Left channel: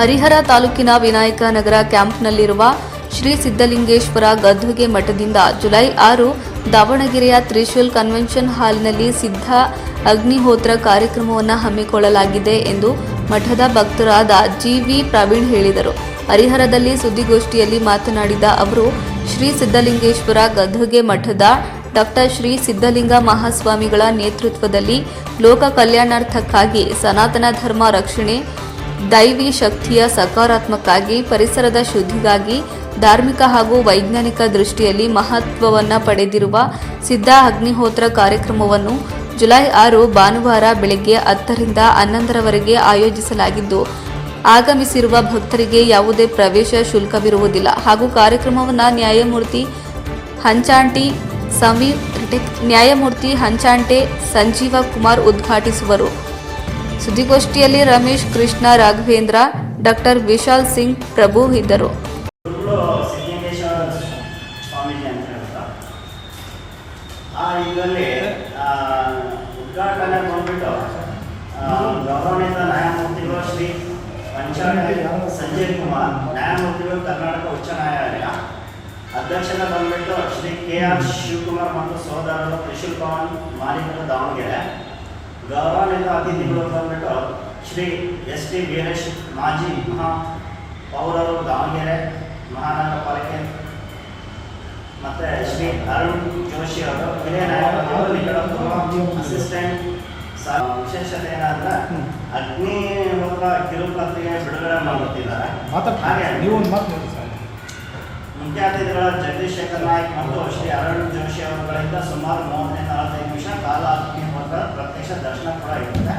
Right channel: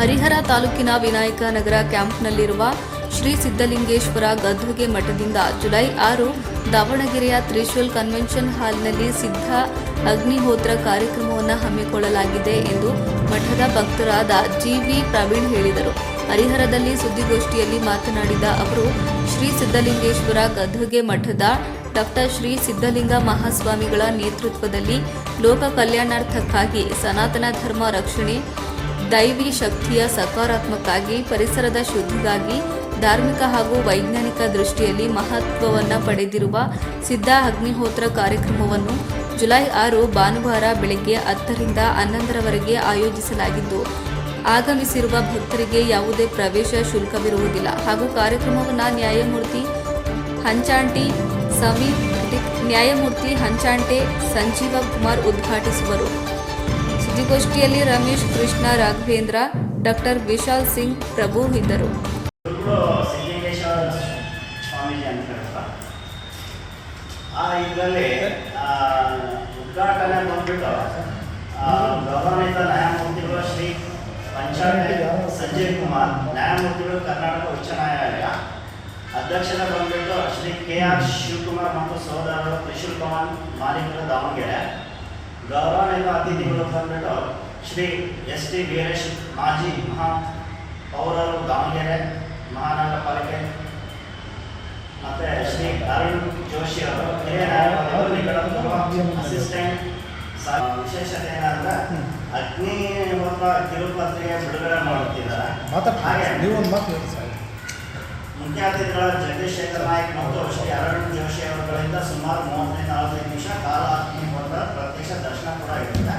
ಹರಿಹರ ತಾಲೂಕಿನ ವಿನಾಯಕ ನಗರ ಕ್ಯಾಂಪ್ನಲ್ಲಿರುವ ಶ್ರೀ ಸಿದ್ದಲಿಂಗೇಶ್ವರ ಗದ್ದುಗೆ ಮಠದಿಂದ ಜುಲೈ ಆರು ದಾವಣಗೆರೆಯ ತ್ರಿಶೂಲ್ ಕನ್ವೆನ್ಷನ್ ಹಾಲ್ನಲ್ಲಿ ಸಿದ್ಧ ಅಗ್ನಿಹೋತ್ರ ಕಾರ್ಯಕ್ರಮವನ್ನು ಹಮ್ಮಿಕೊಳ್ಳಲಾಗಿದೆ ಎಂದು ಮಠದ ಭಕ್ತರಾದ ಜಿವಿ ಪ್ರವೀಣ್ ಹೇಳಿದರು. ಹರಿಹರದಲ್ಲಿ ಸುದ್ದಿಗೋಷ್ಠಿಯಲ್ಲಿ ಮಾತನಾಡಿದ ಅವರು, ಶ್ರೀ ಸಿದ್ದಲಿಂಗೇಶ್ವರ ಗದ್ದುಗೆ ಮಠದ ಡಾಕ್ಟರ್ ಶ್ರೀ ಸಿದ್ಧಲಿಂಗ ಮಹಾಸ್ವಾಮಿಗಳ ನೇತೃತ್ವದಲ್ಲಿ ಲೋಕ ಕಲ್ಯಾಣಾರ್ಥಕ್ಕಾಗಿ ಸನಾತನ ಧರ್ಮ ರಕ್ಷಣೆ ದೈವಿ ಶಕ್ತಿಯ ಸಕಾರಾತ್ಮಕ್ಕಾಗಿ, ಪರಿಸರದ ಶುದ್ಧಿಗಾಗಿ, ಧಾರ್ಮಿಕ ಹಾಗೂ ವೈಜ್ಞಾನಿಕ ದೃಷ್ಟಿಯಲ್ಲಿ ಮಹತ್ವವನ್ನು ಪಡೆದಿರುವ ಸಿದ್ಧ ಅಗ್ನಿಹೋತ್ರ ಕಾರ್ಯಕ್ರಮವನ್ನು ಜುಲೈ ಆರು ಭಾನುವಾರ ಬೆಳಗ್ಗೆ ಹತ್ತರಿಂದ ಹನ್ನೊಂದರವರೆಗೆ ಆಯೋಜಿಸಲಾಗಿದ್ದು, ಆಗಮಿಸಿರುವ ಭಕ್ತರಿಗೆ ಯಾವುದೇ ಪ್ರವೇಶ ಶುಲ್ಕವಿರುವುದಿಲ್ಲ. ಹಾಗೂ ಕಾರ್ಯಕ್ರಮವನ್ನು ನ್ಯಾಯಮೂರ್ತಿ ಹಂಚಾಂಟಿ ಸಮೀರ್ ನ್ಯಾಯಮೂರ್ತಿ ಹಂಚಾಂಟೆ ಸಂಜೀವ ಕುಮಾರ್ ಉದ್ಘಾಟಿಸುವರು. ಸುದ್ದಿಗೋಷ್ಠಿಯಲ್ಲಿ ರಮೇಶ್, ಕೃಷ್ಣ, ರಾಘವೇಂದ್ರ, ಡಾಕ್ಟರ್ ವಿಶಾಲ್ ಸಿಂಗ್ ಪ್ರಭು ಇದ್ದರು. ಇದರಲ್ಲಿ ಉದ್ಘಾಟನೆ ಬಂದ್ಬಿಟ್ಟು ಗೌರವಾನ್ವಿತ ನ್ಯಾಯಮೂರ್ತಿಗಳು ಶ್ರೀ ಪಂಚಾಯತ್ ಸಂಜಯ್ ಕುಮಾರ್, ನ್ಯಾಯಮೂರ್ತಿಗಳು ಕರ್ನಾಟಕ ಉಚ್ಚ ನ್ಯಾಯಾಲಯ ಅಧ್ಯಕ್ಷರ ಬಂದ್ಬಿಟ್ಟು ಶ್ರೀ ಕೆ ಆರ್ ಶಿವಕುಮಾರ್ ಮತ್ತು ಸಹೋದರರು ತ್ರಿಶೂಲ್ ಪವನ್, ಮಾಲೀಕರು ದಾವಣಗೆರೆ ಗೌರವಾನ್ವಿತ ಅತಿಥಿಗಳು ಬಂದ್ಬಿಟ್ಟು ಶ್ರೀ ಎಸ್ ಟಿ ವೀರೇಶ್ ಮಾಜಿ ಮಹಾ ಪೌರರು ದಾವಣಗೆರೆ ಮಹಾನಗರ ಪಾಲಿಕೆ ಮತ್ತೆ ಶ್ರೀ ಅರುಣ್ ಜೋಶಿ ಅವರು ಹಿರಿಯ ನ್ಯಾಯವಾದಿಗಳು ಅಸಿಸ್ಟೆಂಟ್. ಸಹ ವಿಶೇಷತೆ ಏನಂದ್ರೆ ಅಗ್ನಿ ಮೂಲಕ ಕಿರುಪತ್ರಿಕೆ ಬಿಡುಗಡೆ ಮಾಡುತ್ತಿದ್ದಾರೆ ಹಾಗೆ ಮುಖ್ಯ ಅತಿಥಿಗಳ ಜಗದೀಶ್ ಶೇಖರ್ ನಾಯಕ್ ಮತ್ತು ಶ್ರೀ ಅರುಣ್ ಜೋಶಿ ಅವರುಗಳಿಂದ ಸುಮಾರು ಮೂವತ್ತೈದು ನಲವತ್ತೈದು ನಿಮಿಷ ಕಾಲ ಪ್ರತ್ಯಕ್ಷ ದರ್ಶನ ಕೂಡ ಇರುತ್ತೆ.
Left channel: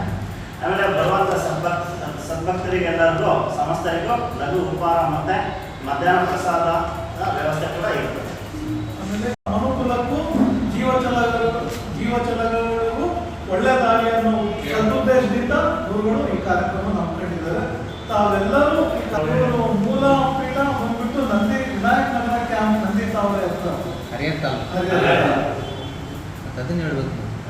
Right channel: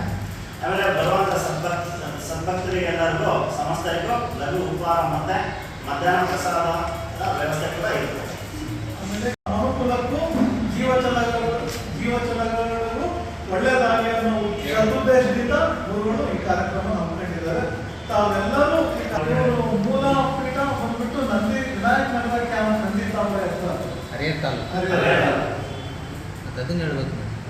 ಆಮೇಲೆ ಬರುವಂಥ ಸದ್ಭಕ್ತ ಸದ್ಭಕ್ತರಿಗೆಲ್ಲರಿಗೂ ಸಮಸ್ತರಿಗೂ ಲಘು ಉಪಹಾರ ಮತ್ತೆ ಮಧ್ಯಾಹ್ನ ಪ್ರಸಾದ ವ್ಯವಸ್ಥೆ ಕೂಡ ಇರುತ್ತೆ. ಆಮೇಲೆ ಅನುಕೂಲಕ್ಕೂ ಜೀವಚಲಗಳು ಜೀವಚಲಗಳು ಒಳ್ಳೆಯದಾಗಿ ಅನ್ನೋ ಸದುದ್ದೇಶದಿಂದ ಗುರುಗಳು ಈ ಕಾರ್ಯಕ್ರಮ ಹಮ್ಮಿಕೊಂಡಿದ್ದಾರೆ ತಾವೆಲ್ಲರೂ ಈ ಕಾರ್ಯಕ್ರಮ ಮೂಲ ಪೀಠ ಬಂದ್ಬಿಟ್ಟು ನಂದಿ ವಿನಾಯಕ ನಗರ ಕ್ಯಾಂಪ್ ನಂದಿ ಹರಿಹರ ಮತ್ತೆ ಅದನ್ನ ಹೇಳ್ಬೇಕು.